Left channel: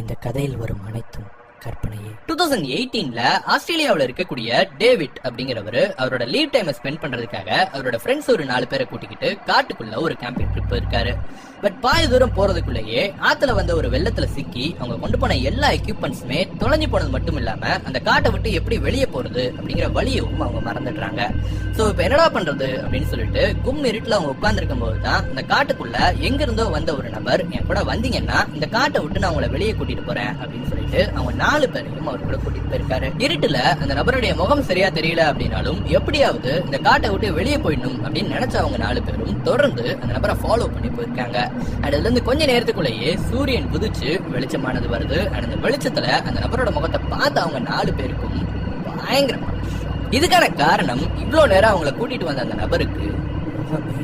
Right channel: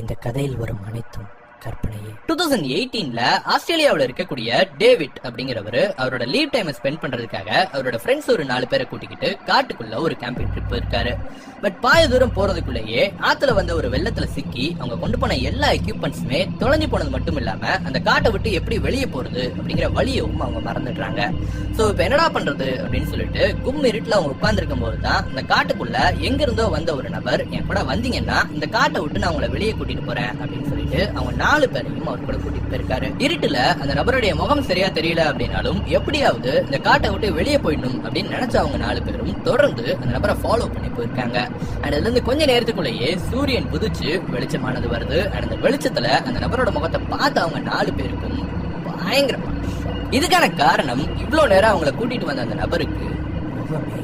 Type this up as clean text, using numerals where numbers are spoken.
இந்த கதையில் வரும் அனைத்தும் கற்பனையே. 2018ல ஆஸ்திரேலியாவில் இருக்கக்கூடிய டேவிட் அப்படிங்கிறவரு அவரோட லீவ் டைமை ஸ்பெண்ட் பண்றதுக்காக அவரோட ஃப்ரெண்ட்ஸ் ஒரு 4 பேரை கூட்டிக்கிட்டு காட்டுக்குள்ள ஒரு கேம்பிங் ட்ரிப் இருக்காரு. பட் பாய தூரம் போறதுக்குள்ளேயே ஆத்துல வந்த ஒரு வெள்ளத்துல சிக்கி அவங்க கொண்டு போன எல்லா எக்யூப்மெண்ட்ஸுமே தொலைஞ்சு போனது மட்டும் இல்லாம அந்த காட்டை விட்டு எப்படி வெளியே போறது அப்படிங்கிற வழியும் அவங்க மறந்துடுறாங்க. சோ இப்ப என்னடா பண்றது அப்படின்னு சொல்லிட்டு கும் இருட்டுல அவங்க உட்கார்ந்து இருக்கும் போதுதான் இந்த காட்டுக்குள்ள எங்க இருந்தோ வந்த ஒரு நபர் என் கூட வந்தீங்கன்னா இந்த காட்டை விட்டு நான் அவங்களை வெளியே கூட்டிட்டு போறேன் அப்படின்னு சொல்லிட்டு அவங்க 4 பேரையும் அவர் கூட கூட்டிட்டு போயிருக்காரு. இருட்டுல அந்த நபருடைய முகம் சரியா தெரியல அப்படின்னாலும் எப்படியாவது இந்த காட்டை விட்டு வெளியே போயிடணும் அப்படின்னு நினைச்ச அவங்க 4 பேரும் தொடர்ந்து அந்த நபரை ஃபாலோ பண்ணி போயிருக்காங்க. அதுல இருந்து கொஞ்ச நேரத்துக்குள்ளேயே சூரியன் குதிச்சு வெளிச்சமானது வருது. அந்த வெளிச்சத்துல அந்த நபரோட முகத்தை பார்த்து அவங்க 4 பேருக்கும் பயங்கரமான. இதுக்கான காரணம் இவ்வளவு நேரம் அவங்களை கூட்டிட்டு வந்த அந்த நபருக்கு முகமே